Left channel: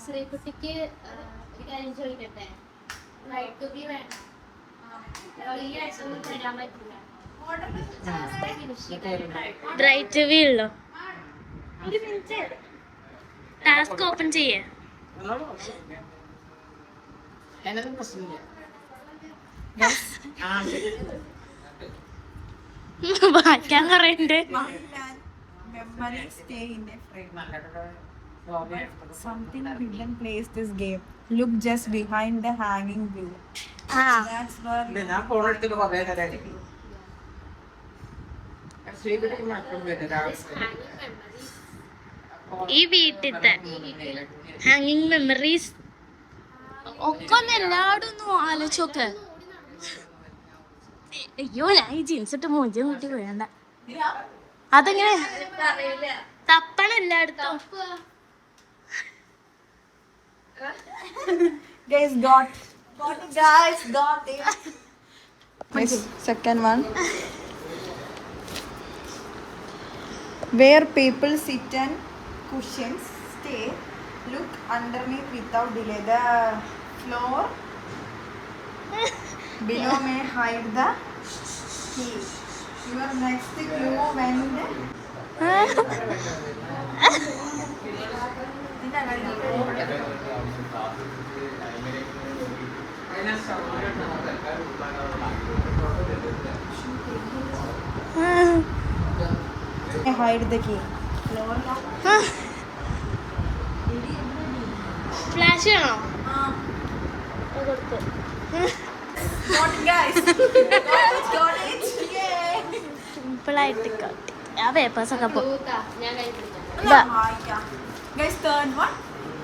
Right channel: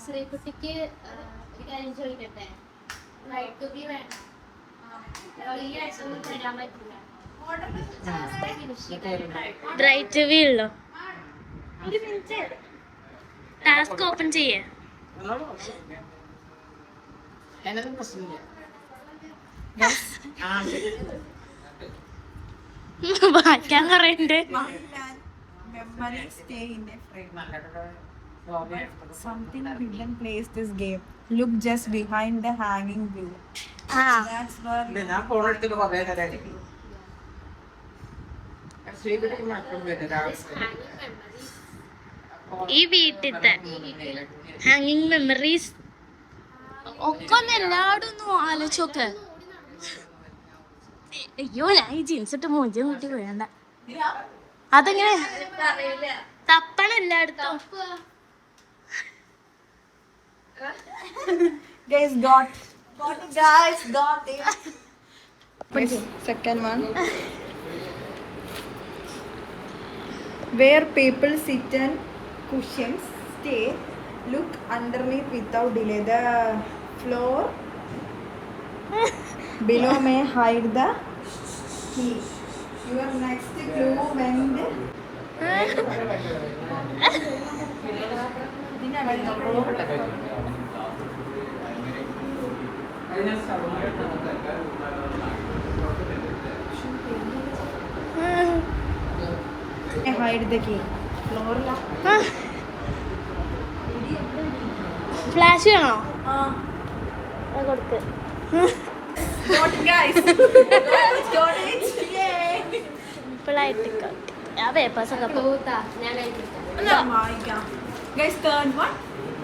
ശ്രീകുട്ടിക്ക് ഒരു കാര്യം ചോദിക്കട്ടെ, റൈറ്റ് വേണം ഈ ആഴ്ച തരാൻ പറ്റില്ല. ബ്രൈറ്റ് വ്യൂ ഉള്ളോ? ഒരു മിനിറ്റ് ടാസ്ക് ഓപ്പൺ ചെയ്യേ. വായിക്കാൻ പറയണ്ട്. Something hidden plays this game. Look just behind the hanging view. That's where ഈ വീട്ടിലത്തെ ഹാങ്ങിങ് മെമ്മറീസ് ഒക്കെ ഒന്ന് എല്ലാവരും ഒന്ന് ആലോചിച്ചോക്ക്. അയ്യോ ഞാൻ ഈ ജീൻസ് ഇട്ട് മൂഞ്ചും കൂട്ടി വേണ്ട. അതെങ്ങനെ തപ്പണം എല്ലായിടത്തും. guys got it, guys got it. Second one. Where people sit and cushions stay. Look underneath without delay. The floor below may hide the key. Your next clue when hide the key. Floor la. Flash ചെയ്യണോ? Got it, guys. Got it. Yay. സിമ്പിളായിട്ട് ആ പേപ്പേഴ്സൊക്കെ Guys, third one.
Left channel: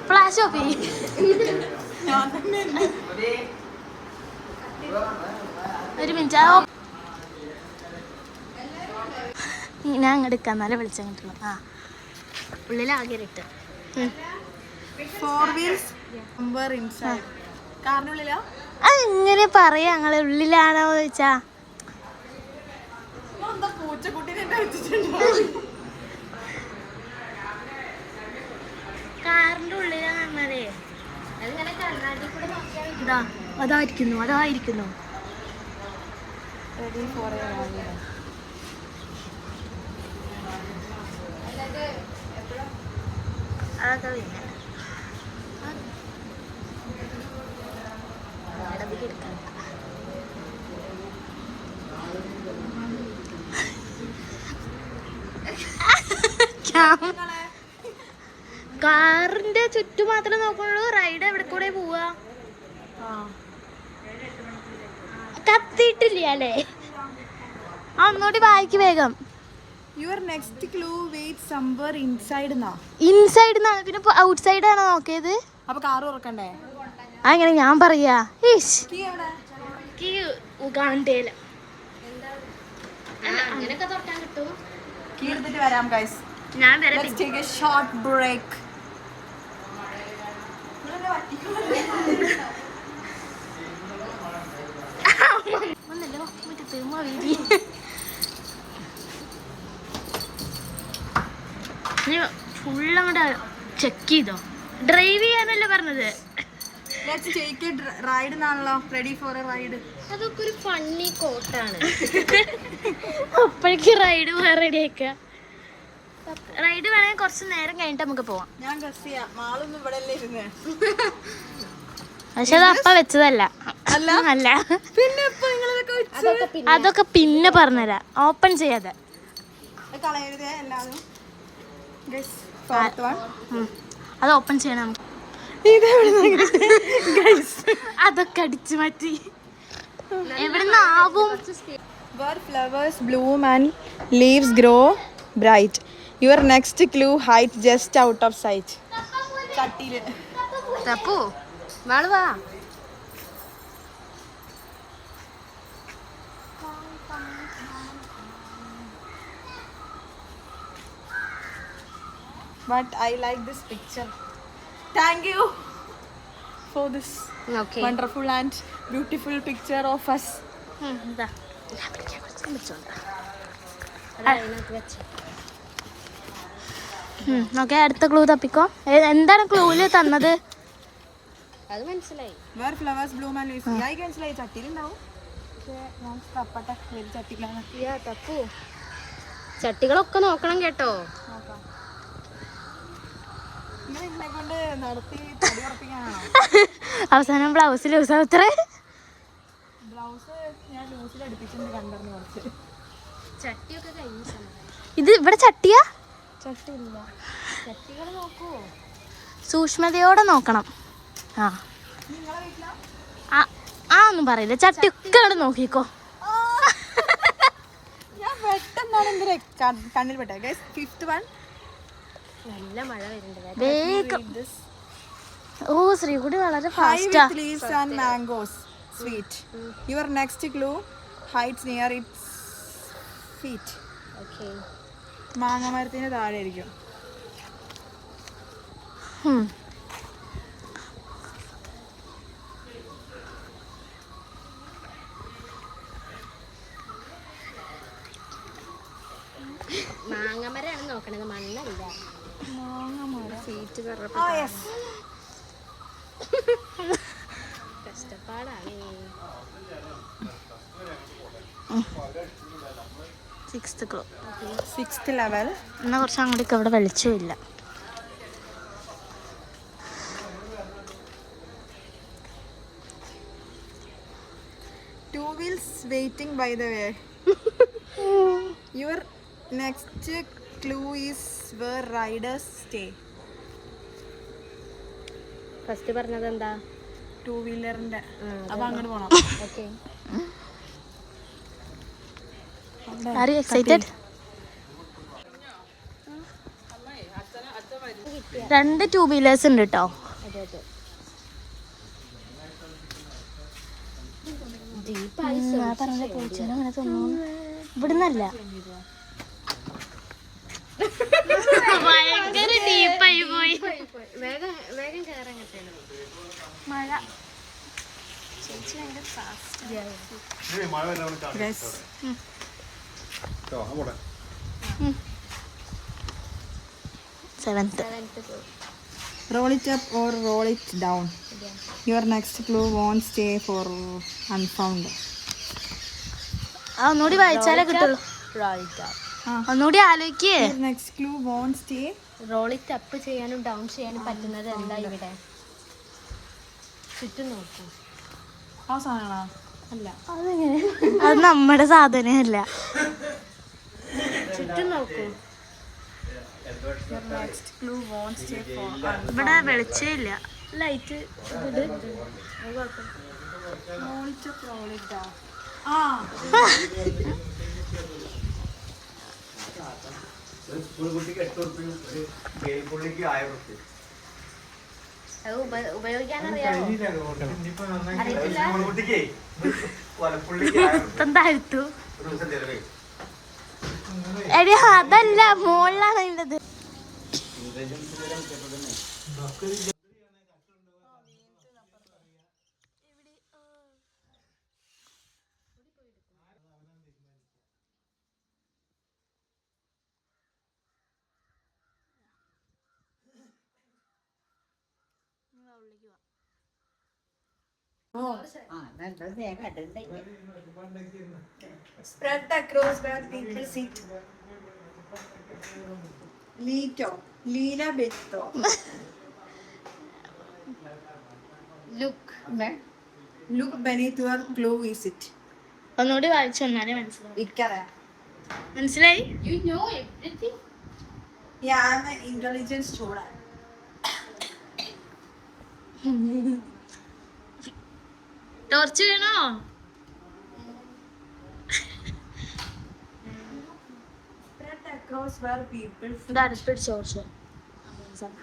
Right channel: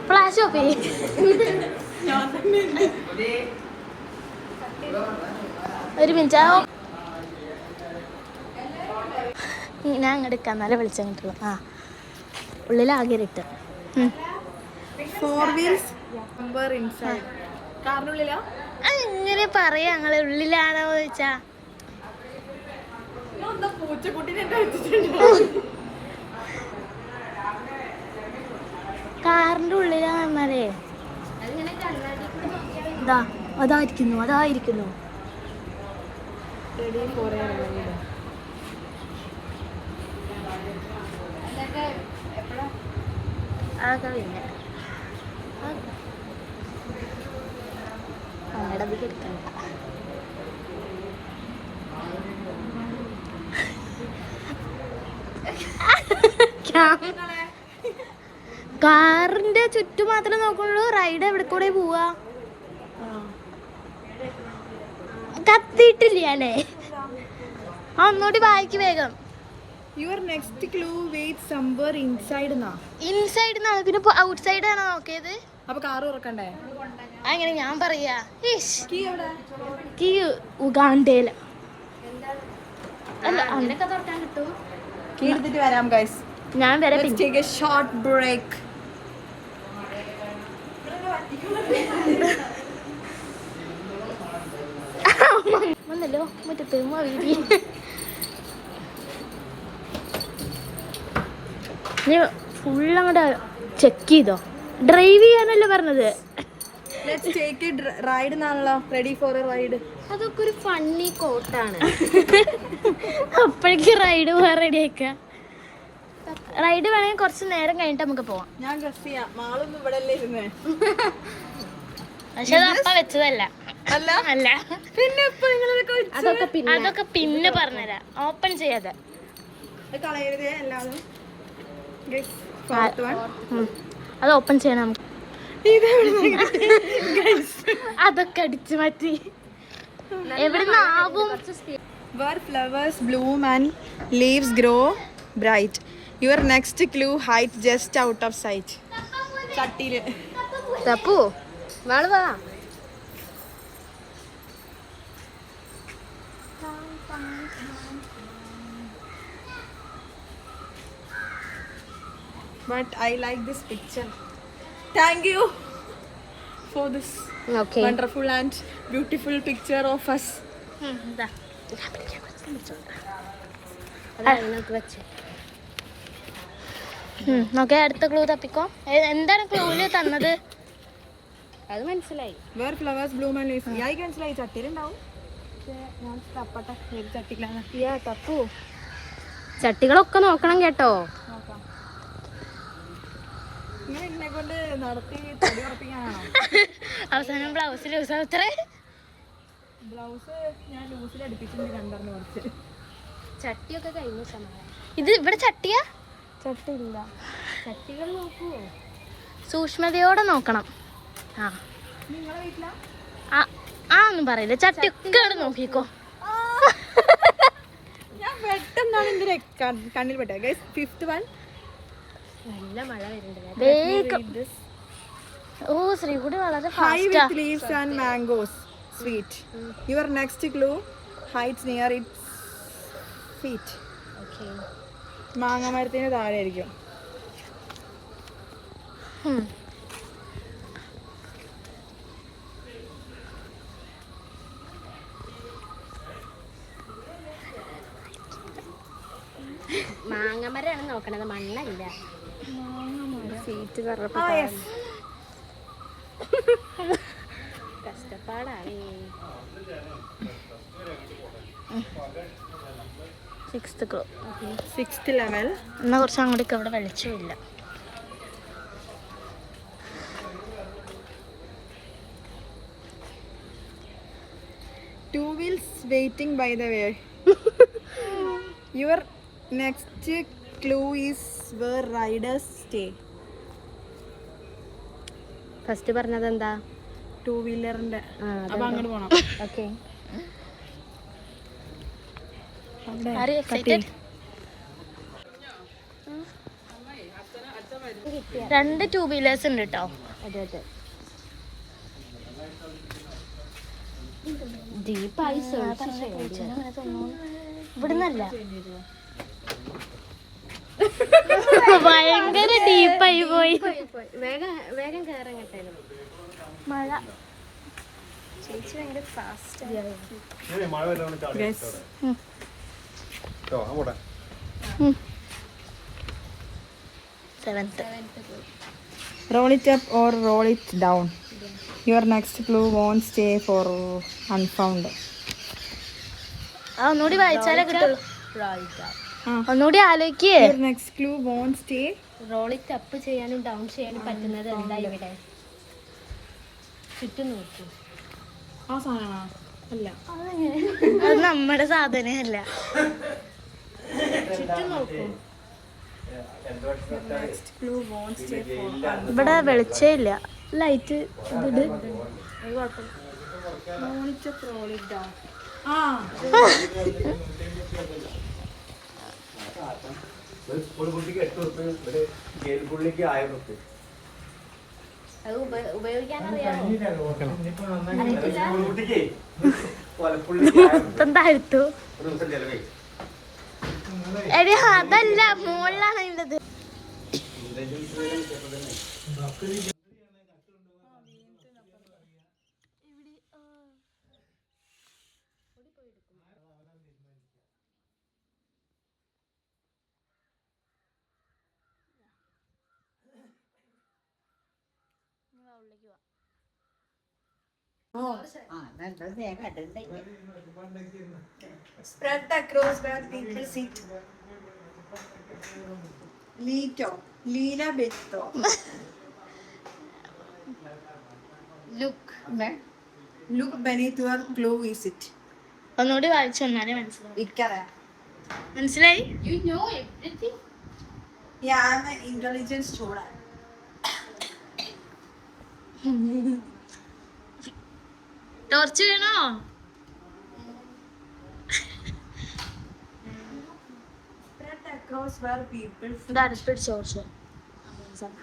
Flash of ചെയ്യും. ഒരു minute ഞാൻ അങ്ങോട്ട് എടുക്കാം, എന്നാലേ വിളിച്ചങ്ങോട്ടുള്ളൂ. ആ ഉള്ളിലാകെ ഇട്ട് Four wheels number inside. കാറിനുള്ളിലോ? അങ്ങനെ പറയാ. ഞങ്ങളെ ഉള്ളിലാണോ ചോദിച്ചാ കാറിന്റെ ഉള്ളിലാണേ. അതായിരിക്കുന്നു. Ready for a ride. അതൊക്കെ പിന്നെ അധികം എടുക്കണ്ട. കാറിന്റെ ചുറ്റും മാത്രമേ നോക്കുള്ളൂ. റൈഡ് എവിടെ കൂടെ പോവാ? കത്തിയിട്ടില്ല ഞാനേ. ഒന്നുകൂടി വായിക്ക് വേഗം. Your next clue waits somewhere inside na. Inside എന്നാണ്, പിന്നെ ഔട്ട് സൈഡ് ആണോ നോക്കിയത്? അപ്പൊ കാറ് തുറക്കണ്ടേ? അങ്ങനെ ഞാൻ പറയാ. Key എവിടെ? കീ ഉഗാണ്ടയില്. Key എടുത്തിട്ട് വരാം guys. ഞാൻ വരെ. Let's take a short break. വന്നല്ലോ മുറ്റത്ത് മഴ. ഫുള്ളങ്ങോട്ട് ചെക്ക് ചെയ്തോ? ഡ്രൈവ് ചെയ്യാനല്ലേ പറഞ്ഞത്? Let's take it ride എന്നാണല്ലോ. Ready for a ride. അതൊക്കെ ഒരു ഫണ്ണി കോട്ടാണ്. അപ്പോഴേക്ക് റൈഡ് പോകാൻ റെഡിയാക്ക. റൈഡ് വേണമെങ്കിൽ കുറച്ച് നേരം കഴിഞ്ഞിട്ട് നമുക്ക് പോവാം. ഞാൻ ഡ്രസ് ചെയ്യാം. മാളൊന്നും ഇവിടെ അല്ലേ ഇരുന്നേ. പക്ഷെ അത് അപ്പ വെച്ചതല്ല. അല്ല, പിന്നെ അതൊക്കെ പിന്നെ പറഞ്ഞുതരാം, ഓപ്പൺ ചെയ്യാതെ. കളയരുതേ എല്ലാവരും. അത് ഓപ്പൺ ചെയ്യണം നമുക്ക്. അതൊക്കെ അടിച്ചു മാറ്റി. എവിടുന്നാവും? Where flowers bloom and leaves grow bright. Your next clue height just out of sight. കട്ടില്. തപ്പു വാള് വാ. But I like this picture. Thank you for this wonderful and beautiful picture of us. നോക്കെ അടുത്ത clue തപ്പിക്കോ. എന്താണ് ക്ലൂല് തന്നത്? അത് മനസ്സിലായി. Where flowers bloom and leaves. എനിക്ക് മനസ്സിലായി, ചട്ടിയിലുണ്ടാവും. ഞാൻ തപ്പട്ടെ ഏത് ചട്ടിയിലാണ്. ചട്ടികളൊക്കെ നോക്കണം കേട്ടോ. നോക്കാം. ഇങ്ങനെ ഇതിനെ കൊണ്ട് നടത്തി തടി ഉറപ്പിക്കാനാണോ? അവസാനം ബ്ലൗസ് ലൂസ് ആവത്രേ. ബ്ലൗസ് ഞാൻ ലൂസിൽ അടുപ്പിച്ചിട്ടുണ്ട് കണ്ടറിഞ്ഞ് കുറച്ച്. ചട്ടിയൊക്കെ കഴിഞ്ഞ ഇത് ഇവിടെ ചട്ടിയാ? ചട്ടിയില്ല. ചട്ടികൾ നോക്കൂ, സൂക്ഷ്മതയോടെ നോക്കണം. ആ നിങ്ങളെ വീട്ടിലാ? ആ ഒന്നും പറയില്ല, ചട്ടിയൊക്കെ അവിടെ നോക്കിക്കോ. ഞാൻ പെട്ടെന്നാണ് എന്തിനാ കണ്ണിൽ പെട്ടത്. Guys, fifth one. നല്ല മഴ വരുന്നുണ്ട് വേഗം. ഓ ശ്രീകുടി വളരെ ഫാസ്റ്റാ. High with leaves and mangoes, sweet. Your next clue hides near its feet. Okay. മാങ്ങ മരത്തിന് താഴെ ആയിരിക്കും. മാങ്ങമരം നോക്കണത്, മണ്ണല്ല. സീറ്റ് കഷ്ടപ്പാടാണ്. Sixth level. എന്നാ കുറച്ച് അങ്ങോട്ടേക്ക് അവിടെ വെളിച്ചമില്ല. Two wheels waiting by the way. Your next clue is where riders stay. First പറഞ്ഞത് എന്താ? ടൂ വീലറിന്റെ. അപ്പൊ അങ്ങോട്ട് പോണം. Okay. Are you excited? 2 2 wheelers ഉണ്ട് കേട്ടോ. ഇവിടുന്നല്ല, ഭയങ്കര ഡീപ്പായി പോയി. മഴ ചേച്ചി ഭയങ്കര fast. Seventh. Roll it up or roll it down. Your next clue won't stay for unfound. ഒന്നുകൂടി വായിച്ചാലേ കിട്ടുള്ളൂ. ഒന്നുകൂടി ആലോചിക്കേ. Your next clue won't stay. Roll it up ചെയ്യാനും ഡൗൺ ചെയ്യാനും പറ്റുന്നത് എന്താ ഇവിടെ? ചുറ്റും നോക്കൂ. ആ സാധനമാ? അല്ല, അത് നമ്മുടെ സാധനമല്ല. ചുറ്റും നോക്കൂ. Your next clue won't stay for unfound. ഇവിടെ വെളിച്ചമില്ല, light. Roll it up, roll it down. താഴ്ത്തു. എടി അതല്ല, മുകളിലാണ് ഉള്ളത്. Spread across where people sit. Lito. Lila Betto. Look beneath your clue is it. ഒന്നുകൂടി വായിച്ചു തന്നാലേ മനസ്സിലാവും. Ikkara. മനസ്സിലായി? You know everything. Yeah, I'm an intelligent student. Torch വേണോ? Spread across where people sit. ഇതാണ് ടോർച്ച്. ശരിയാ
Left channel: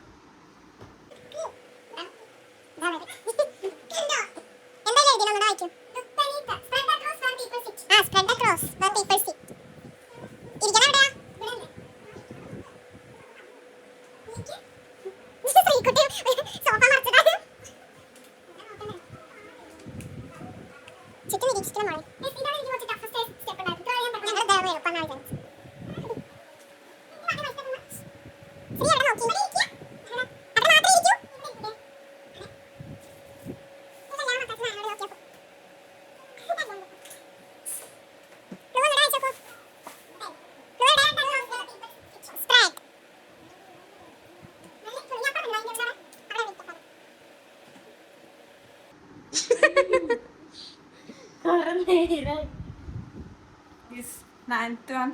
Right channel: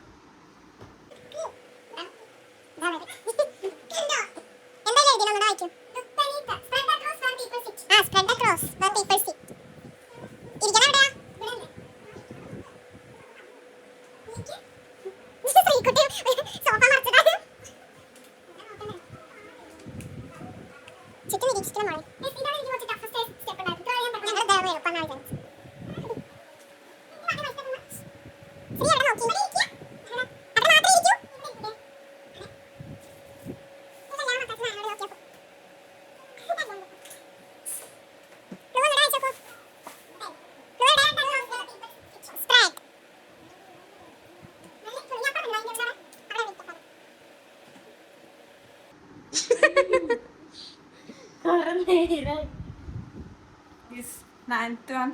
This ninth one.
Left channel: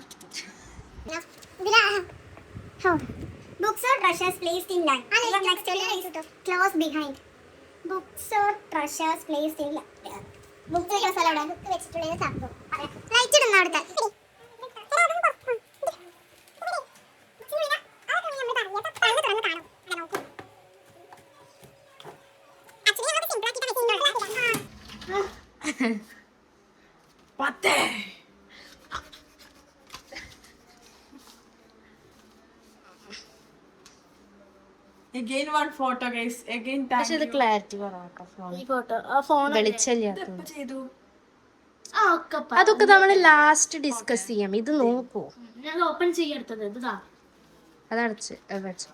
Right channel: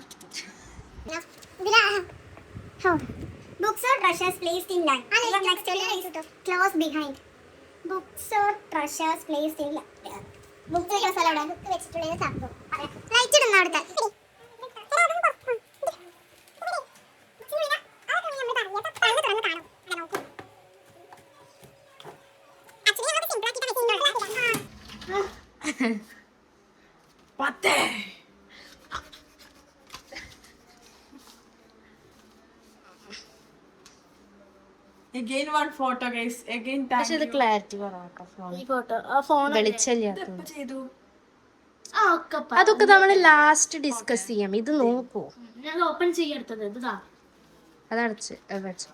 Books or treasures placed in line. Your next is close behind. Books or treasures placed in line. Book വെക്കുന്ന സ്ഥലം എവിടെ? Book വെച്ചിട്ടുള്ള സംഭവം. Light ഇടുന്ന അവിടുത്തെ. പത്ത്. Again one photo guys. Again thank പക്ഷെ ഇത് you. ക്ലാരിറ്റി കുറവാട്ടോ ഫോൺ ഈ ഫോട്ടോ ആ ഫോൺ വെളിച്ചല്ല ഇതെപ്പോ ചെയ്തു? ആ ഒക്കെ അതൊക്കെ നമ്മൾ ലാസ്റ്റ് ഡിസ്കസ് ചെയ്യാം. ഇത് നോക്കൂ, ഞാൻ ഓപ്പൺ ചെയ്യെടുത്തത് ഇതാ അതടച്ച് വെച്ചു.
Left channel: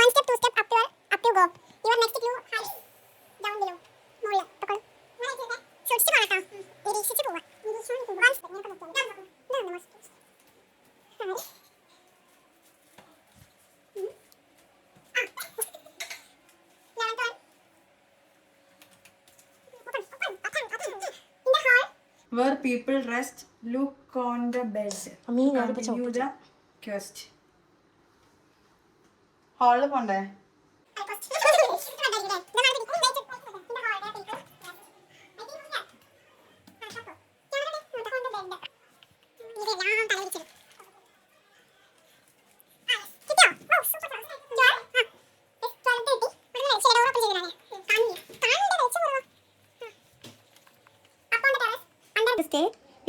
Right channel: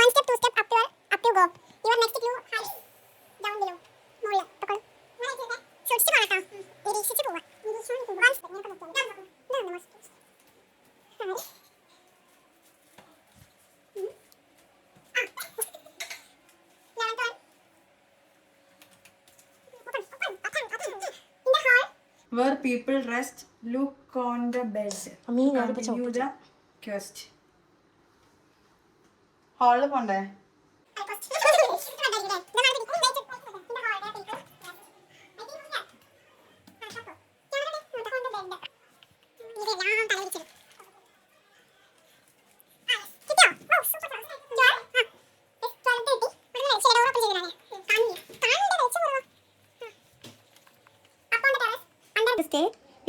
One step, two step, up you go. Your next clue, high, down below, മുകളിൽ തൊക്കോളൂ. സൂക്ഷിച്ച് പോകണം കേട്ടോ. നിരീക്ഷിച്ച് പോവാം. One step, ഇങ്ങനെ നോക്കിയാൽ മതി. ഇതാണ് most. Where people rest, look on the bed. അമ്മീ ഞാനിപ്പോ Continue the quest. ഹാളിൽ പോണ്ടേ?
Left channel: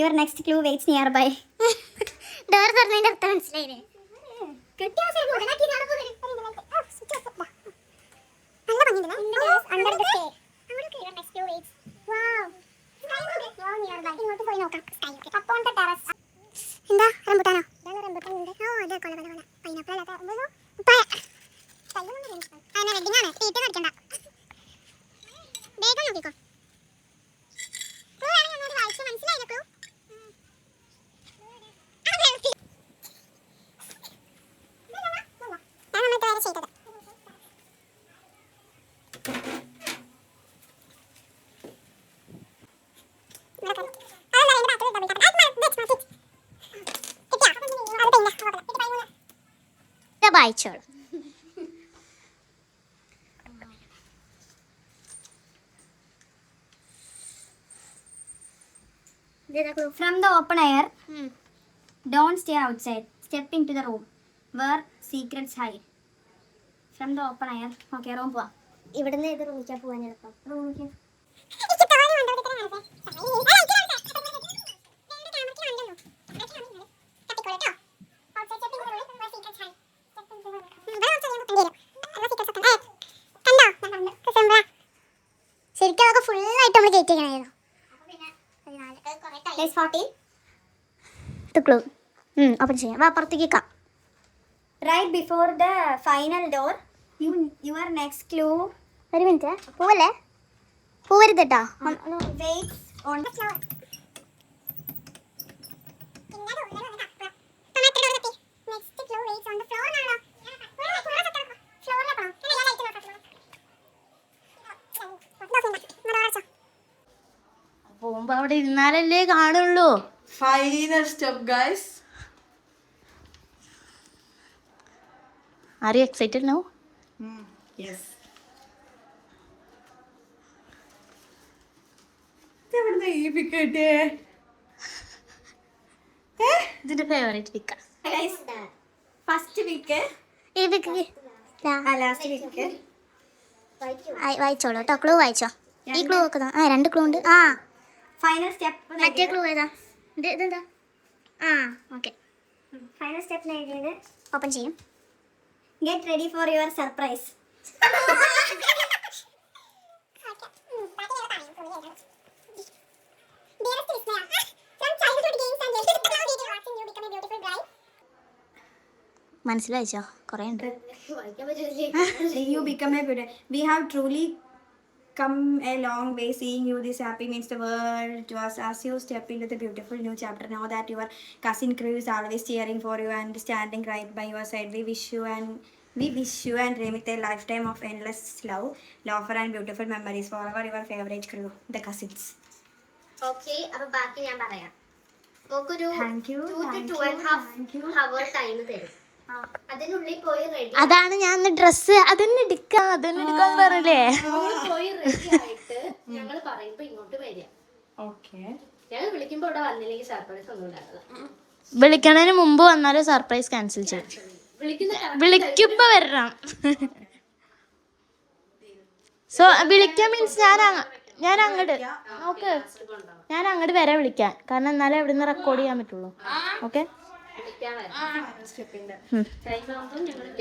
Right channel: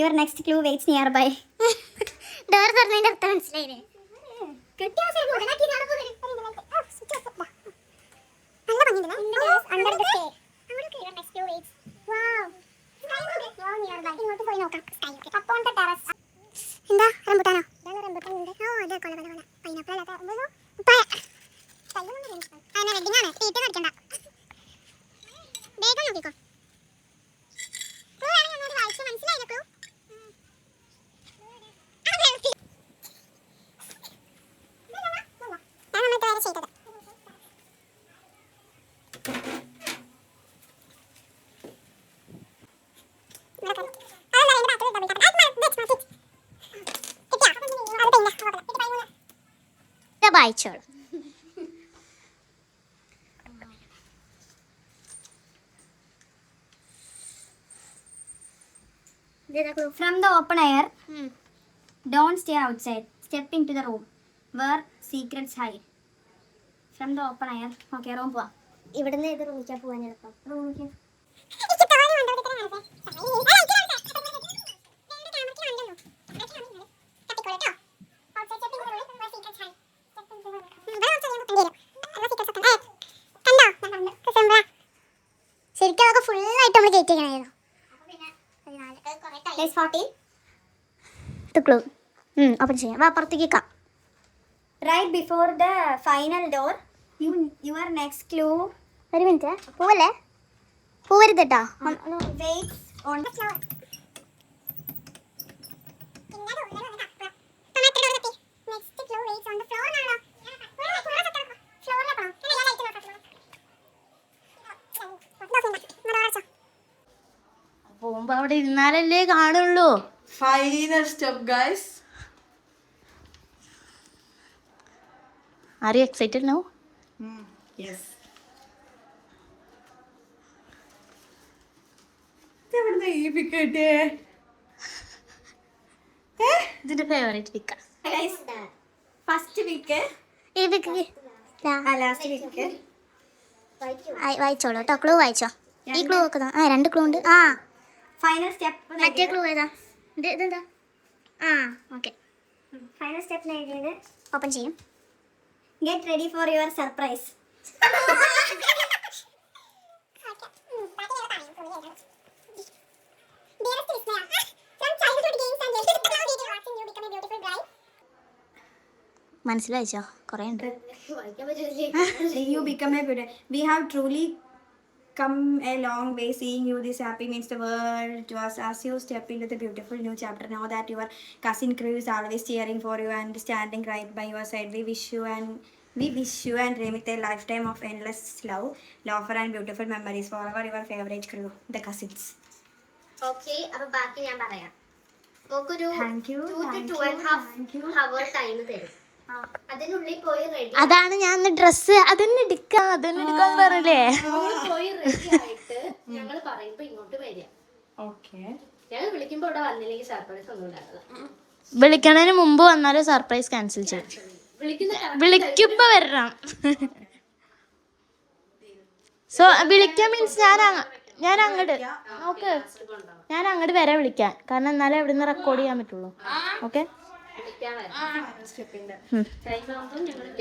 Your next clue waits nearby. Door തുറന്നതിന്റെ അർത്ഥം മനസ്സിലായില്ലേ? കെട്ടിയ അവസരം മുതലാക്കി നടക്കുന്നു. നല്ല ഭംഗിയുണ്ടല്ലേ? Under the stairs. Your next clue waits. Wow. Wow, nearby. ഇങ്ങോട്ട് പോയി നോക്കാം. Up on the terrace. എന്താ റംബുട്ടാനോ? ഇതാണ് റംബുട്ടാൻ ഉണ്ട്. ഓ അതെ കൊല കൊല കൊല. പൈനാപ്പിൾ അല്ല റംബുട്ടാൻ. അങ്ങനെ വെഡിങ് ആണ്. തീറ്റ കടിക്കണ്ട. വേഗം നോക്കിക്കോ. ക്ലൂ ആണ് ഞാൻ വായിച്ചു മനസ്സിലായില്ല ക്ലൂ. വായിച്ചോളൂ. From the open air, don't stay outside. Step into the room where secrets hide. From the open air. Okay, room പോവാം. ഇവിടുന്ന് ഏത് റൂമിലേക്കാ പോവാൻ എളുപ്പം? റൂമിലേക്ക്. ശരിക്കും അതൊക്കെ ഫുള്ളായിട്ട് നമ്മൾ കയറ്റിക്കണായിരുന്നു. ഓപ്പൺ ചെയ്യാം. വാ പുറത്തേക്ക് വെക്കാം. Right before the final door your next clue. ഒരു മിനിറ്റ് പോവല്ലേ, പോവരുത് കേട്ടോ. Wait on the floor. Next clue wait on the floor ആണോ? പോകുമ്പോ അവിടെ ഇരുന്നാലല്ലേ കാണുള്ളൂ. Final step guys. Are you excited now? Yes. ഇതെവിടുന്നാ ഈ pic കിട്ടിയേ? ഇതിന്റെ ഫേവറേറ്റ് പിക്ക. ഫസ്റ്റ് പിക്ക് ഈ പിക്ക് ലാസ്റ്റ് പിക്ക് വായിച്ചോളൂ കേട്ടോ. ക്ലൂ വായിച്ചോ. ഈ ക്ലൂ നോക്കുന്ന രണ്ട് ക്ലൂ ഉണ്ട്. ആ ഫൈനൽ സ്റ്റെപ്പ്. മറ്റേ ക്ലൂ ഏതാ? ഇതെന്താ? ആ ഓക്കെ. ഫൈനൽ സ്റ്റെപ്പ് എഴുതിയത് ഓപ്പൺ ചെയ്യും. Get ready for your surprise. മനസ്സിലായിച്ചോ? കുറേ ഉണ്ട്. You become a beauty. We have truly come a long way. Seeing you this happy means the world to us. As you step into the beautiful new chapter, know that your cousin crew is always cheering for you and standing right by your side. We wish you and We wish you and Remit a lifetime of endless love, laughter and beautiful memories. Forever your favorite crew, the cousins. Okay, അപ്പൊ ബാക്കി ഞാൻ പറയാം. നമുക്കൊരു Thank you, 2 thank to you, 2.5 hour time തരും. അതിനുള്ളിൽ പോയി ready അതാണ് ഞാൻ ഡ്രസ്സ് അതന്നെ എടുക്കാന്ന് പറഞ്ഞില്ലേ. പോയി റെഡി ആയിട്ട് ഞങ്ങൾ പറയുമ്പോ ഇങ്ങോട്ട് വരിക. ഞങ്ങൾ വിളിക്കുമ്പോ ഇവിടെ വന്നില്ലെങ്കിൽ സർപ്രൈസ് ഒന്നും ഉണ്ടാവില്ല. വിളിക്കണതിന് മുമ്പ് വന്നാലും സർപ്രൈസ് ക്യാൻസൽ ചെയ്യും. വിളിക്കുമ്പോ വരണം. സോ വിളിക്കാൻ മീൻസ് ഞാൻ അങ്ങോട്ട് ഓക്കെ, ഞാൻ അങ്ങോട്ട് വരെ വിളിക്കാൻ, കാരണം എന്നാലേ അവിടെ നിന്ന് റെക്കോർഡ് ചെയ്യാൻ പറ്റുള്ളൂ. ഓക്കെ,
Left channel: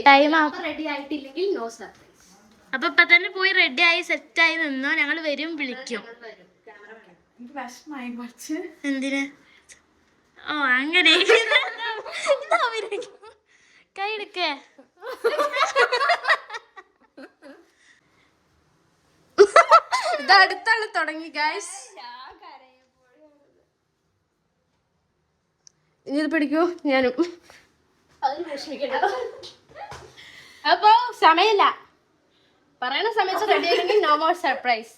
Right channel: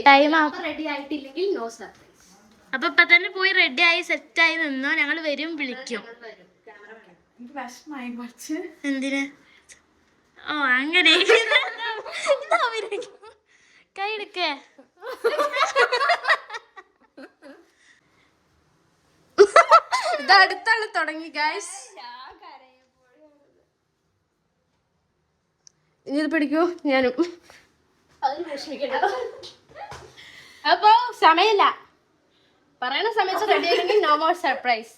ടൈം റെഡി ആയിട്ടില്ലെങ്കിൽ നോ സർപ്രൈസ്. അപ്പൊ ഇപ്പൊ തന്നെ പോയി റെഡി ആയി സെറ്റ് ആയി നിന്നോ, ഞങ്ങൾ വരും വിളിക്കും. എന്തിന്? ഓ അങ്ങനെ കൈ എടുക്കേ. ഇത് അടുത്താണ് തുടങ്ങി ഗൈസ്. ഇനി ഇത് പിടിക്കൂ ഞാനും. അതിന് വിഷമിക്കണ്ട. അപ്പൊ സമയമില്ല, പറയണ സമയത്ത് റെഡി ആയില്ലെങ്കിൽ നോ മോർ സർപ്രൈസ്.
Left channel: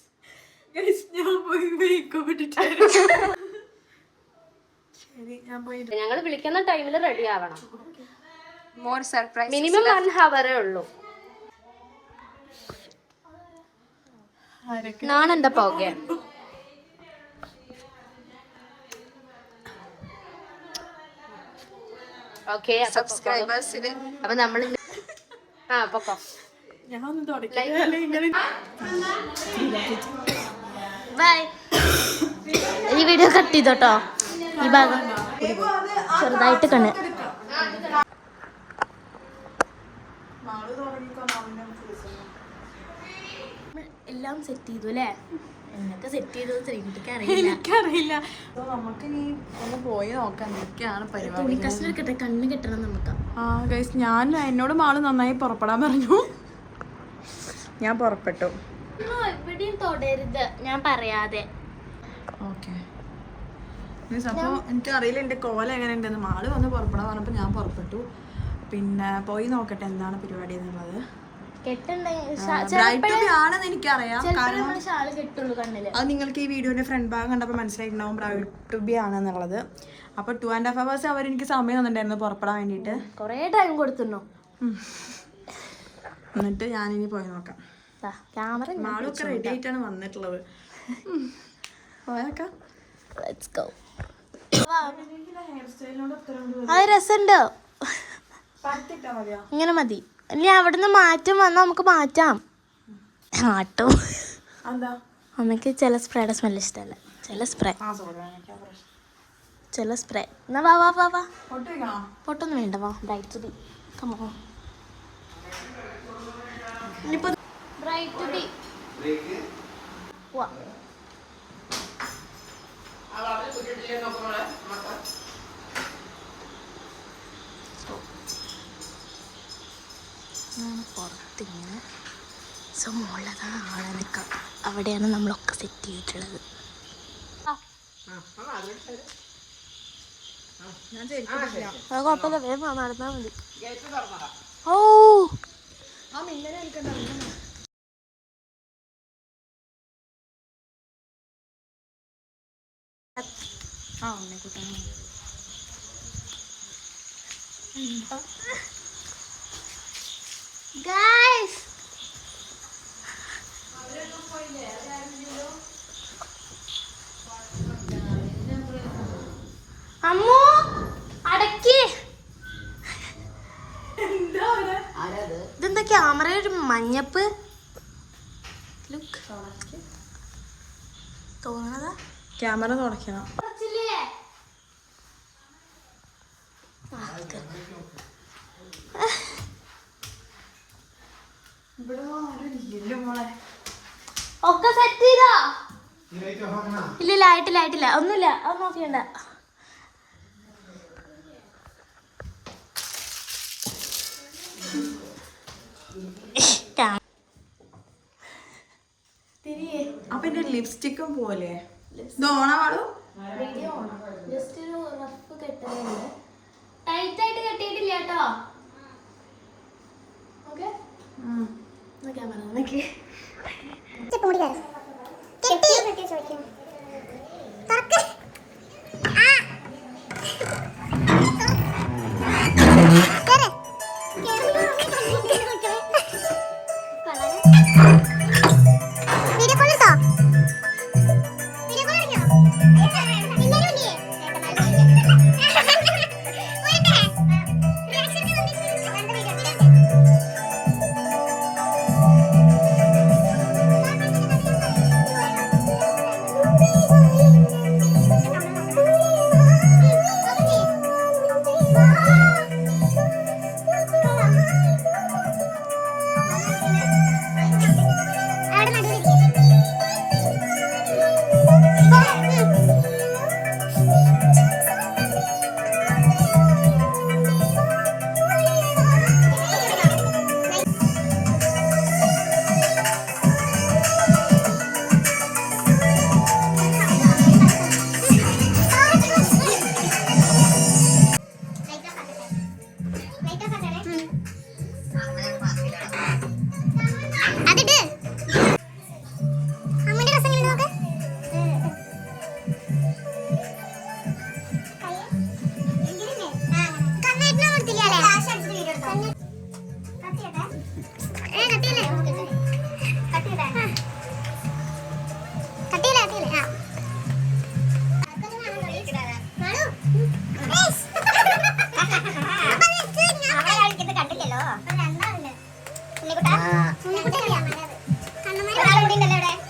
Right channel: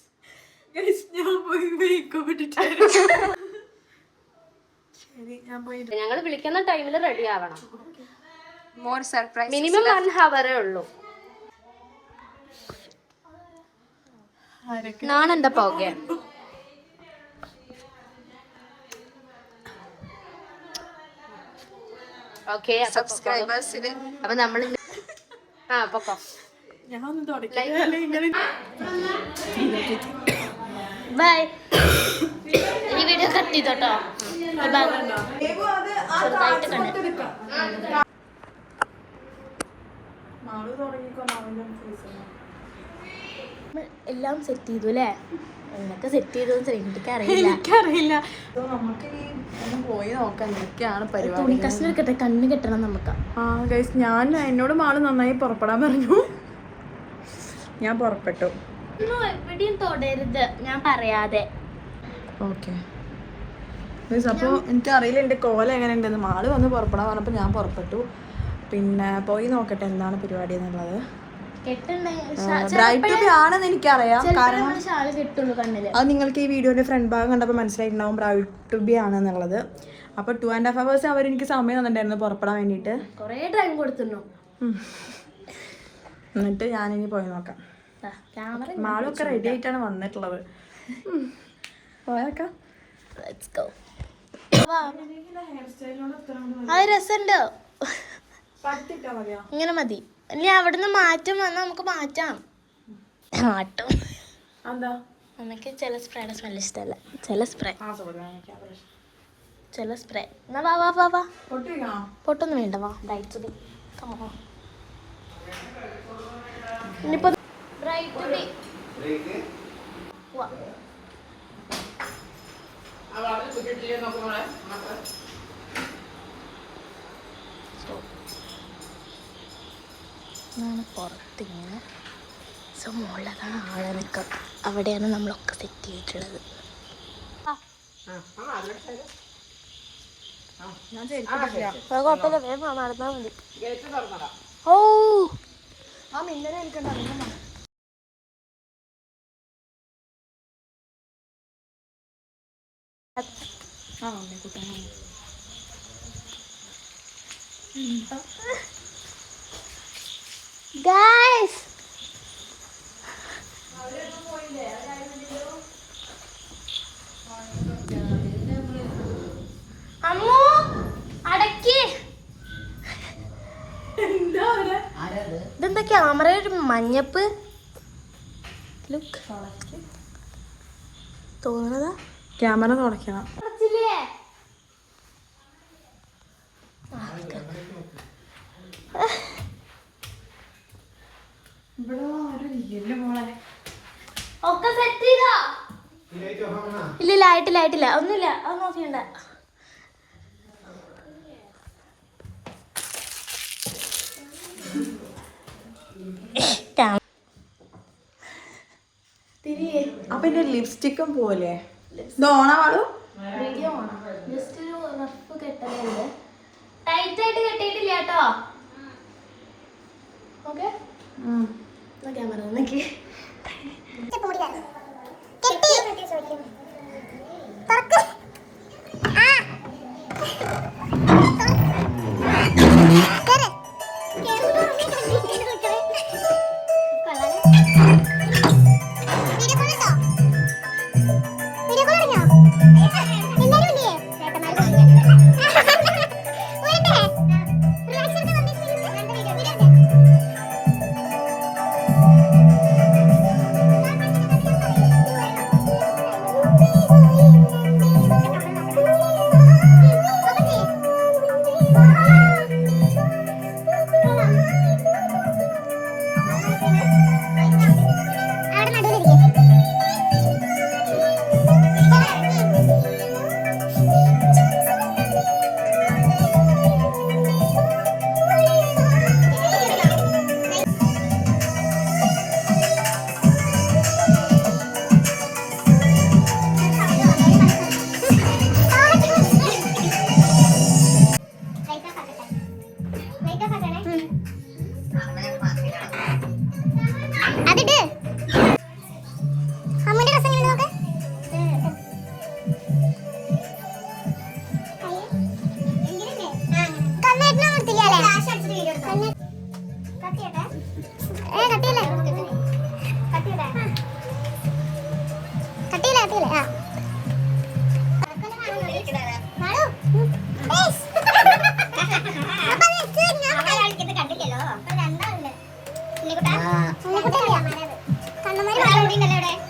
ഞങ്ങൾ വിളിക്കുന്ന ടൈമിൽ റെഡി ആവണം. More surprise. മിനിമം 1 hour ഉള്ളൂ. നാണെന്റെ പോകെ. ഓക്കെ, സബ്സ്ക്രൈബേഴ്സിന് അപ്പൊ നമ്മൾ പൊക്കോ. ബൈ. ഈ വീഡിയോ കട്ട് ചെയ്തോട്ടോ, ഈ ഭാഗം ചെറുതായിട്ട് കണ്ണ്. എല്ലാം സെറ്റ് ചെയ്തു അല്ലേ? എന്നൊക്കെ സെറ്റ് ചെയ്തോന്ന് എനിക്കറിയില്ല. പോയി നോക്കാം എന്തൊക്കെയാണ് പരിപാടി. തുണി കഷ്ണം എടുക്കട്ടെ, കണ്ണ് കെട്ടണം നമുക്ക്. ഗൈസ്, ഞാൻ എന്നോട് മാള് നന്നായി പുറപ്പെടാൻ പറഞ്ഞു. ഞാൻ പുറപ്പെട്ടു. എവിടെയും തൊടരുത് ഞാൻ പറയാതെ. ഓക്കെ ഗൈസ്, അപ്പോൾ എനിക്കറിയില്ല എൻ്റെ കോല എങ്ങനെ ഉണ്ടെന്ന്. മാള് വന്ന് പുറപ്പെടാൻ പറഞ്ഞപ്പോൾ ഞാൻ പുറപ്പെട്ടു. പിന്നെ പോയി നോക്കട്ടെ എന്താണ് പരിപാടി എന്നുള്ളത്. ബ്രൈറ്റ് ടു ബി ആണെന്ന് എനിക്കറിയാം, കാരണം ഷാള് കെട്ടുള്ളൂ കണ്ണില്. അത് നിങ്ങൾക്ക് ഈ വീഡിയോയുടെ ഫ്രണ്ട് ഭാഗം കണ്ടപ്പോൾ മനസ്സിലായിട്ടുണ്ടാവും ബ്രൈറ്റ് ടു ബി ആണെന്നുള്ളത്. അപ്പോൾ 2.5 hours അവരെനിക്ക് സമയം തന്നിട്ടുണ്ടായിരുന്നു പുറപ്പെടാൻ വേണ്ടിയിട്ട്. കൊറേ ടൈം കൊടുത്തിരുന്നു. എന്നിട്ട് ഞാനിനി പോയി നോക്കാം. ക്യാമറ മാളൊക്കെ റെഡി ആയിട്ടാണ് വന്നിട്ടുള്ളത്. പോയേക്കാം. അത് രസമുണ്ടോ? ഇങ്ങനെ മതി. ഇല്ല, അവിടുന്ന് മാറ്റം വന്നാൽ നമുക്ക് മാറ്റാം. മാറ്റും. അമ്മയ്ക്ക് ചില സ്പ്രേയുടെ സ്മെല്ല് ഇഷ്ടമല്ല. ചില സ്പ്രേ എന്നാ വാ പൊട്ടൊന്നും വേണ്ട. വാ ബ്രൈറ്റ് ബി കമോ. ഇനിയിപ്പോ ബ്രൈറ്റ് ബി വാ. പുറത്തിങ്ങനെ. സോ മുകളിലതാണ് ആളനക്കം. അവിടെയാണ് നമ്മളൊക്കെ സെറ്റ് ചെയ്തിട്ടുള്ളത്. കുഴപ്പമില്ല, വേഗം നടന്നാൽ മതി. ഓ ഗൈസ്, അമ്മു അടക്കി. ഇതെന്താ ക്യാമറ ഒരു മഞ്ഞപ്പ് ലുക്ക് തോന്നണതാ? ക്യാമറ തുറക്കണം. ഒക്കെ സെറ്റ് ചെയ്തോ? ഇല്ല ആയിട്ടില്ല ഒന്നുമില്ല. അത് നോക്കിയണ്ട. അപ്പൊ എന്റെ ലിപ്സ്റ്റിക്കും പോലെ ഇതോണാളൂ. വീഡിയോ ഓണം. ജസ്റ്റ് ഒരു റഫ് കെട്ടലുണ്ട്. ടൈറ്റ് ആയിട്ട് കെട്ടിയിട്ടില്ല കേട്ടോ. ഓക്കെ ക്യാമറ നോക്കി അതിട്ട് അമ്മയുടെ ഡ്രസ് എങ്ങനെ നോക്ക് കണ്ണേറ്റിനെ കൊടുത്തില്ലേ കട്ടിയില്ലേ ആ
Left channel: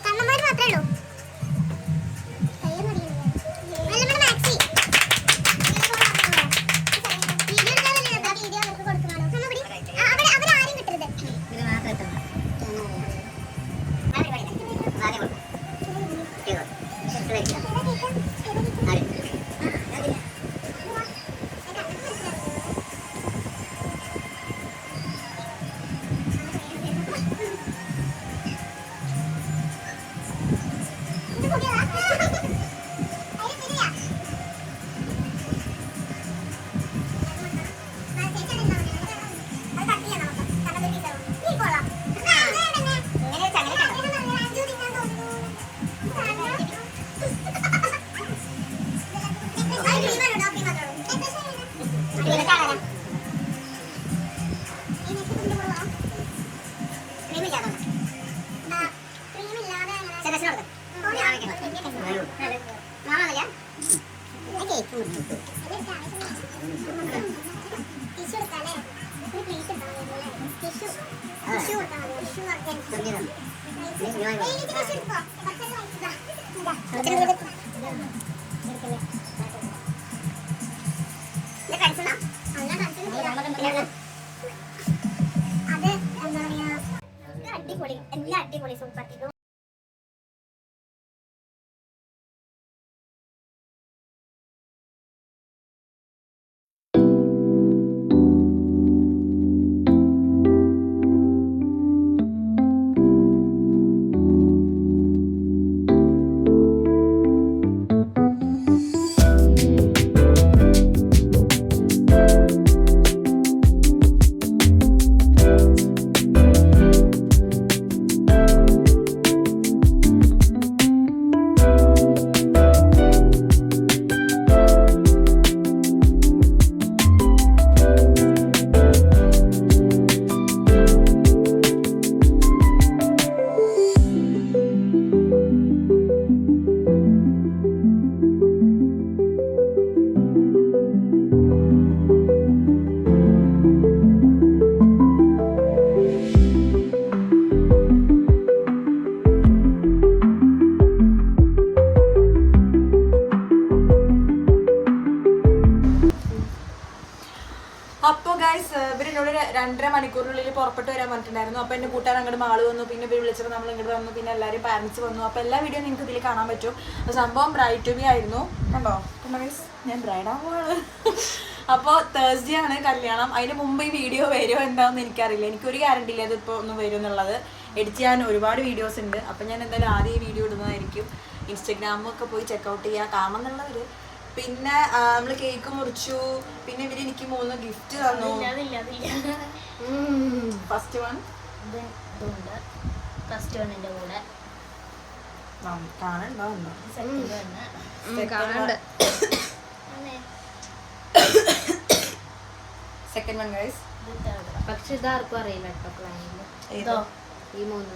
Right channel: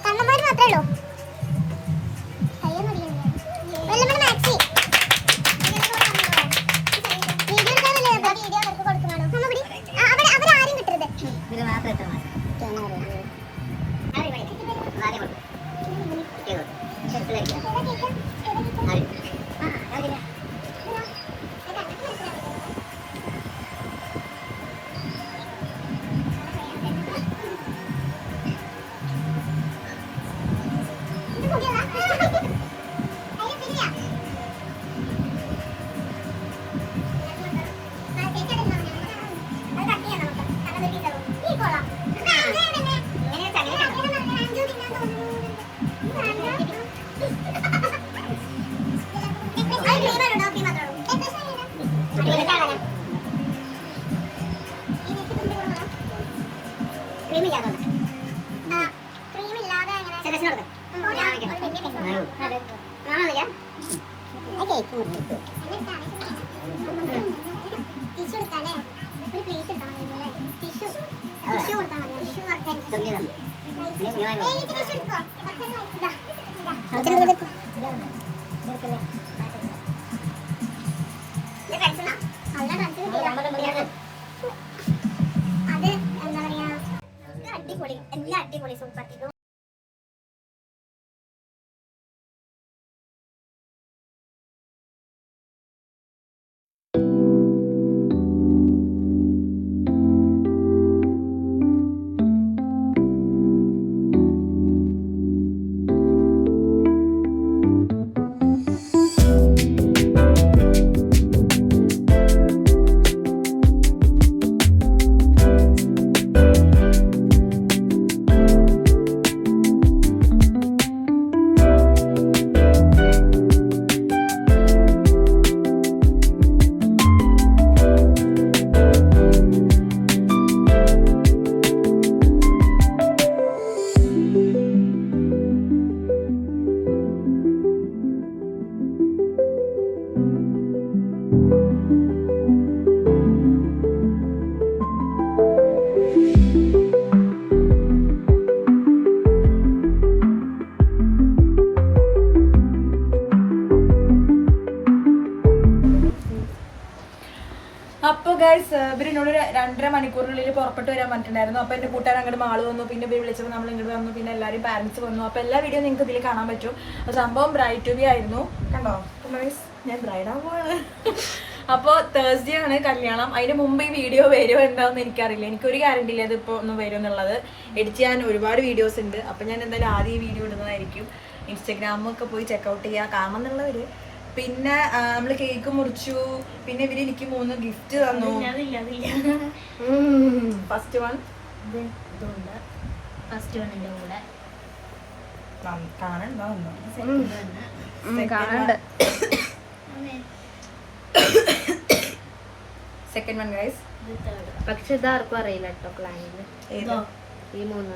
കണ്ണന്മാര് മാത്രമേ ഉള്ളൂ അടിപൊളി എല്ലാം അടിപൊളി സൂപ്പർ. അപ്പോൾ ഗൈസ് ഇവരെന്നോട് 2.5 മണിക്കൂറിനുള്ളിൽ പുറപ്പെട്ട് വരാൻ പറഞ്ഞിട്ടുണ്ടായിരുന്നു. അപ്പോൾ എൻ്റെ കൂട്ടുകാർ അങ്ങോട്ട് മാള് വന്നു, പിന്നെ ഇവർ വിളിച്ചപ്പോൾ നമ്മൾ ഇങ്ങോട്ട് വന്നു, പിന്നെ എല്ലാവരും പാരൻസ് വന്നു. അപ്പോൾ എല്ലാ വീഡിയോ നിങ്ങൾക്ക് ഇതിൽ കാണാൻ പറ്റും. സംഭവം ബ്രൈഡ് ടു ബി ആയിരുന്നു. കണ്ടോ ഗൈസ്, ഞാൻ ബ്രൈഡാവാണ്. അപ്പോൾ തേഴ്സ്ഡേ ആണ് കല്യാണം. അതിന് മുമ്പ് ഈ വീഡിയോ വരുമോ എന്താണെന്ന് എനിക്കറിയില്ല. എനിക്കൊരു ഗ്യാരണ്ടി ഇല്ല ഇതിപ്പോൾ ഒന്ന് വരും എന്നുള്ളത്. എഡിറ്റ് ചെയ്യാൻ ഒരുപാട് വീഡിയോസ് ഉണ്ട്. അപ്പോൾ ഞാൻ എന്തായാലും ആദ്യം ഈ വീഡിയോ ഇടുന്നതായിരിക്കും. ഇൻസ്റ്റഗ്രാമൊക്കെ പോയി ചെക്കൗട്ട് ചെയ്യുക, കാണണം എന്നുള്ളവർ പിന്നെ നമ്മള് കേക്ക് മുറിച്ചു. പിന്നെ ഇവര് എനിക്ക് 3 ഗിഫ്റ്റ് തന്നു. ഫസ്റ്റ് വൺ കാണണ്ടോ? Second one guys. പക്ഷെ ഇതാർക്കും അറിയില്ല കേട്ടോ പ്ലാനിങ്. ഈ 3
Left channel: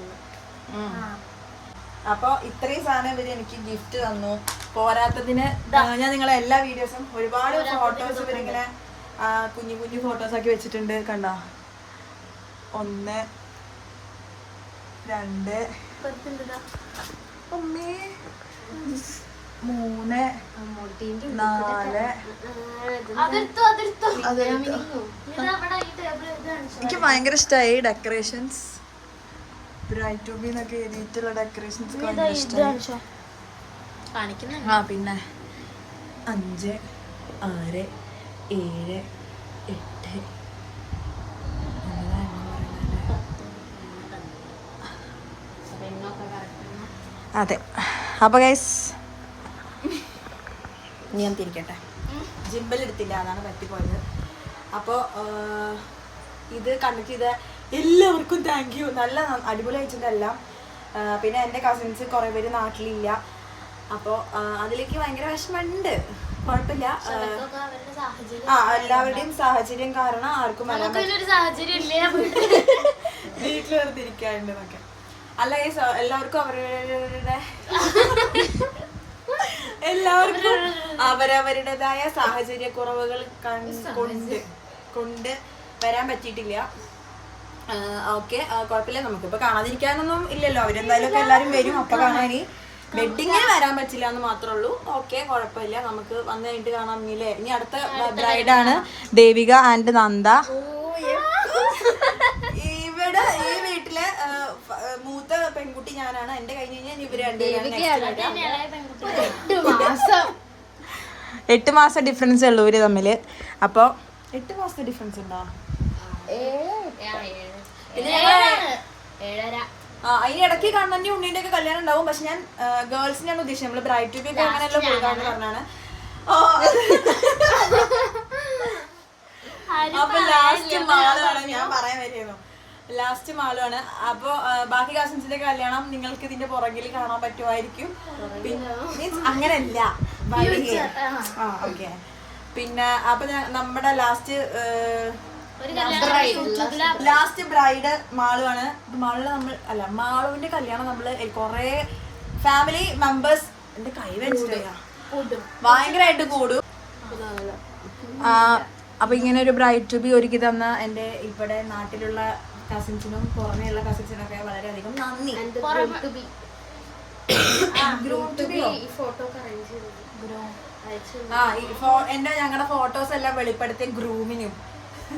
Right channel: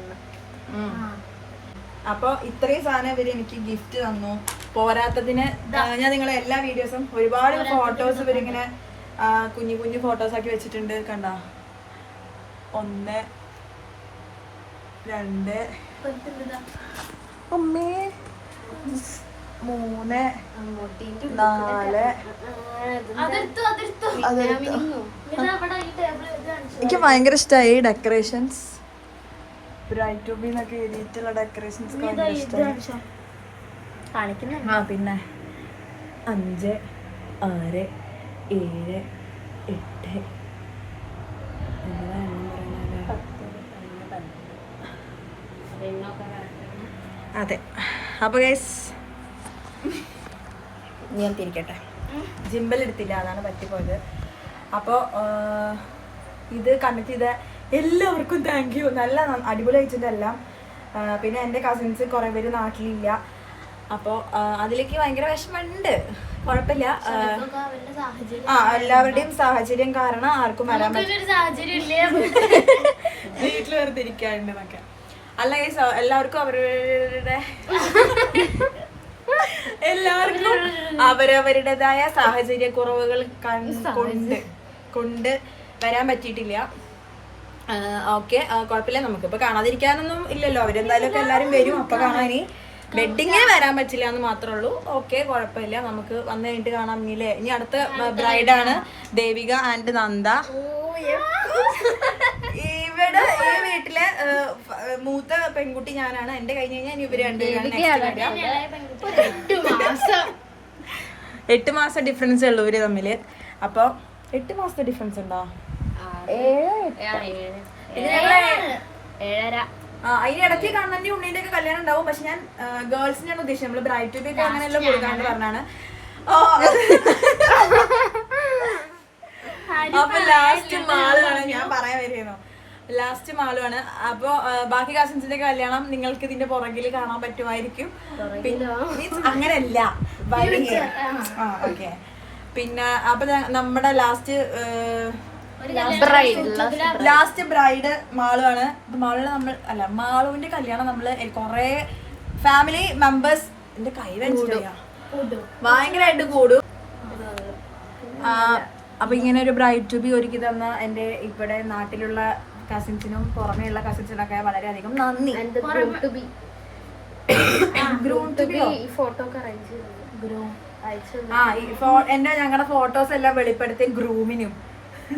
അപ്പൊ ഇത്രയും സാധനം ഇവര് എനിക്ക് ഗിഫ്റ്റ് തന്നു. പോരാത്തതിന് ഞാൻ നിങ്ങളെ എല്ലാ വീഡിയോസും ഒരുപാട് ഫോട്ടോസ് ഇവരിങ്ങനെ കുഞ്ഞു കുഞ്ഞു ഫോട്ടോസ് ആക്കി വെച്ചിട്ടുണ്ട്. കണ്ടോ? 1 2 3 4. എനിക്ക് ഭയങ്കര ഇഷ്ടമായി ഡെക്കറേഷൻസ്. ബ്രൈറ്റ് ടു ബി എന്നൊക്കെ എഴുതിയിട്ടുള്ള ഡെക്കറേഷൻസ് ഭയങ്കര ഇഷ്ടമായി. പിന്നെ 5 6 7 8 അതെ. അപ്പൊ ഗൈസ് ഞാൻ തിരിക്കട്ടെ. ജിമ്പൽ എടുത്തില്ല, അതാണ് പറ്റിപ്പോയത്. അപ്പോൾ ഇത് കണക്ട് ചെയ്ത എല്ലാവർക്കും താങ്ക് യു. നല്ല അടിപൊളി വെച്ചിട്ടെല്ലാം. പിന്നെ എൻ്റെ കസിൻസ് കുറേ പേര് നാട്ടിലില്ല. അപ്പോൾ അതിലേക്ക് ഭയങ്കര വിഷമമുണ്ട്. കുഴപ്പമില്ല. എല്ലാവരുടെയും സാഹചര്യം കാരണം ആർക്കും വരാൻ വീട്ടിൽ വെറുതെ ഇരിക്കാറുണ്ടെന്നൊക്കെ. അല്ല ഗൈസ്, എല്ലാവർക്കും അവരവരുടേതായ സാഹചര്യ കുറവുകൾ കൊണ്ട് വരാൻ പറ്റിയിട്ടില്ല. ഓക്കെ, കുഴപ്പമില്ല. നമുക്കിപ്പോൾ കാണാതിരിക്കാനൊന്നും ഇല്ലല്ലോ. അവരെന്തായാലും ഒക്കെ എല്ലാവരും വരും. അപ്പോൾ കാണാൻ വെഡിങ്ങേ വരാൻ പറ്റില്ല എന്ന് മാത്രമേ ഉള്ളൂ. ഓക്കെ, കുഴപ്പമില്ല. നമുക്ക് വന്നു കഴിഞ്ഞിട്ട് കാണാം. ഇനിയില്ലേ, ഇനി അടുത്ത ബ്രൈഡാണ് ദേവിക ആൻഡ് നന്ദ. ഇവിടെ ഈ വീട്ടിലെ മൂത്ത പെൺകുട്ടി ഞാനാണ്. എന്റെ കഴിഞ്ഞ് കഴിഞ്ഞാൽ ഇവര് രണ്ടുപേരാണ് നെക്സ്റ്റ് വരിക. 8 മാസം ഡിഫറൻസ് ഉള്ളൂ ഇവര് തമ്മില്. അപ്പൊ 8 മാസത്തെ ഡിഫറൻസ് ഉണ്ടോ? അതിനിടയ്ക്ക് കണ്ണന്റെ ഉണ്ണിന്റെ ഒക്കെ കല്യാണം ഉണ്ടാവും. പക്ഷെ ഞാൻ ഗേൾസിനെയാണ് ഉദ്ദേശിച്ചത്. നമ്മള് ബ്രൈഡ് ടു ബി ഒക്കെ അങ്ങനെയല്ല കൊടുക്കാന്ന് പറഞ്ഞാണ്. അപ്പൊ ലാസ്റ്റ് മാളുമാണ് ഞാൻ പറയാൻ വരുന്നു. ലാസ്റ്റ് മാളുമാണ്. അപ്പൊ ബാക്കി കസിൻസിന്റെ കല്യാണം നിങ്ങൾക്ക് ഇതിന്റെ പുറകിൽ കാണാൻ പറ്റുമായിരിക്കും. പിന്നെ മീൻസ് അങ്ങനെയല്ല. ഓക്കെ. പിന്നെ അപ്പൊ നമ്മുടെ ലാസ്റ്റ് ബ്രൈഡ് മാളുവാണ്. മാളുവിന് നമ്മൾ മാളുവിന്റെ കല്യാണം നമ്മള് കൊറേ ഫാമിലി മെമ്പേഴ്സ് എന്റെ കൈ വെച്ചിട്ടില്ല ഭയങ്കരമായിട്ട് കൂടും. അപ്പൊ ഇങ്ങനെ ഒരു ബ്രൈഡ് ടു ബി ഒരുക്കി തന്ന എന്റെ ഇവിടെ നാട്ടിലുള്ള കസിൻസിനും പുറമേയുള്ള കസിൻസിനൊക്കെ വളരെയധികം നന്ദി. എന്റെ ഞങ്ങളുടെ ഫോട്ടോസ് എല്ലാം വെളിപ്പെടുത്തിയ ഗ്രൂമിനും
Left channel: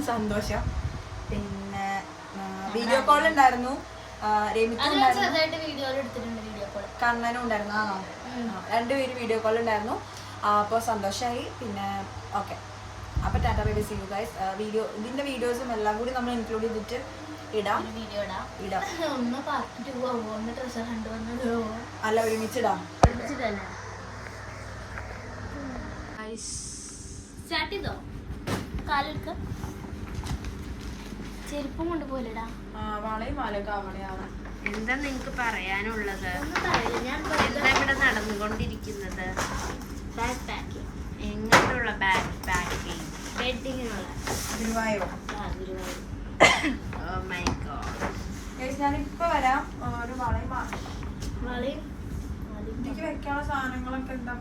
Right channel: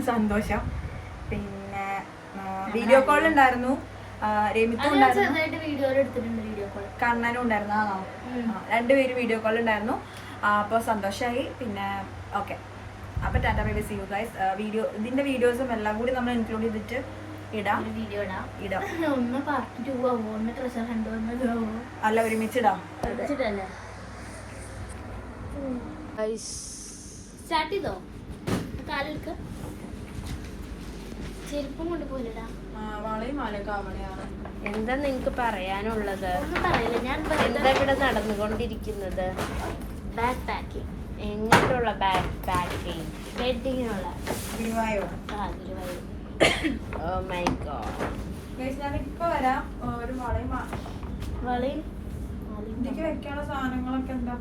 സന്തോഷം. പിന്നെ വീഡിയോ കോൾ ഉണ്ടായിരുന്നു. രമിക്കും കണ്ണനും ഉണ്ടായിരുന്നു. ആണോ? 2 പേര് വീഡിയോ കോൾ ഉണ്ടായിരുന്നു. അപ്പോൾ സന്തോഷമായി. പിന്നെ ഓക്കെ, അപ്പൊ tata bye bye, see you guys. ഇതിന്റെ വീഡിയോസും എല്ലാം കൂടി നമ്മൾ ഇൻക്ലൂഡ് ചെയ്തിട്ട് ഇടാം. അല്ല, ഒരുമിച്ചിടാം. സ്റ്റാർട്ട് ചെയ്തോ? കാലെടുക്ക, ചെരുപ്പും കൊണ്ട് പോലെടാ. എന്താ നിങ്ങക്ക് പറയാനുള്ളത്? എന്താ ഇവിടെ നടന്നുകൊണ്ടിരിക്കുന്നത്? എങ്ങനെയുള്ള bag packing? Oh my god. ഞാനിപ്പോ വരാം. ഒരു ഇതിക്ക് വെക്കാനുള്ള സാധനങ്ങളൊക്കെ എന്താ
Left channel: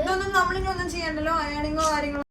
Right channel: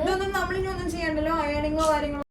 ഇതൊന്നും നമ്മളിനി ഒന്നും ചെയ്യണ്ടല്ലോ. അയണിങ്ങോ കാര്യങ്ങളോ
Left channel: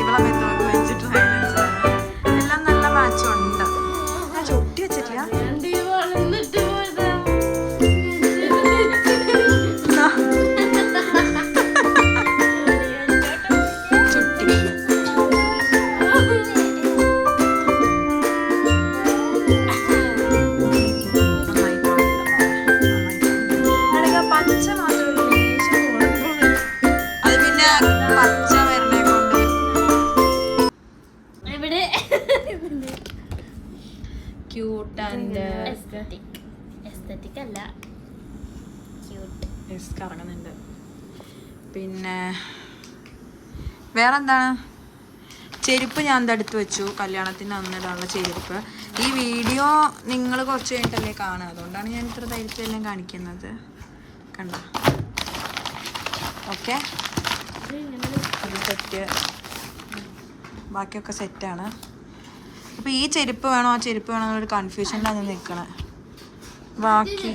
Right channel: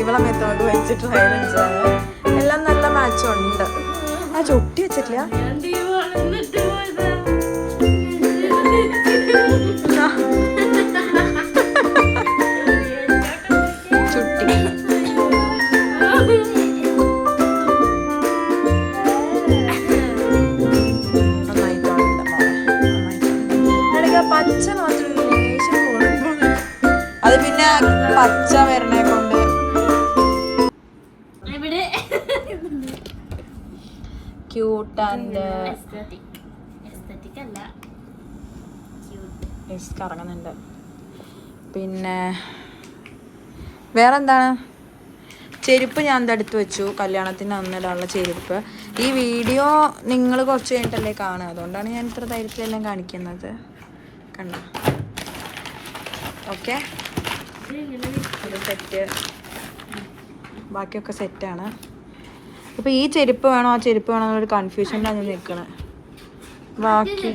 ഇവളെ മെത്തോഡ് വെച്ചിട്ട് എല്ലാം നല്ല മാച്ച് ഉണ്ട്. ആ ചുട്ടി വെച്ചിട്ടില്ല. അത് പിന്നെ പച്ച വരണേ കൊണ്ട് ക്യൂട്ട് ആൻഡ് കറങ്ങുന്നുണ്ട്. പിന്നെ വേറെന്താണ്? ചെരുപ്പ് ഞാൻ എടുത്ത് വെച്ചു, കല്യാണത്തിന് അന്നിടാനുള്ള ചെരുപ്പ്. ഈ വീഡിയോ നിങ്ങൾ കുറച്ച് കഴിഞ്ഞിട്ടല്ലേ കാണുക, അതുകൊണ്ടാണ് ഞാൻ ഇത്ര ധൈര്യത്തിലെല്ലാം കാണിക്കുന്നത്. കണ്ടോ? ഓക്കെ, അത് സെറ്റ്, ബാക്കിയൊക്കെ സെറ്റാണ്. അപ്പോൾ ഈ ചെരുപ്പ് വേണോ ആ ചെരുപ്പ് വേണോ എന്നൊരു കൺഫ്യൂഷനിലാണ് നിൽക്കണേ. ബാക്കി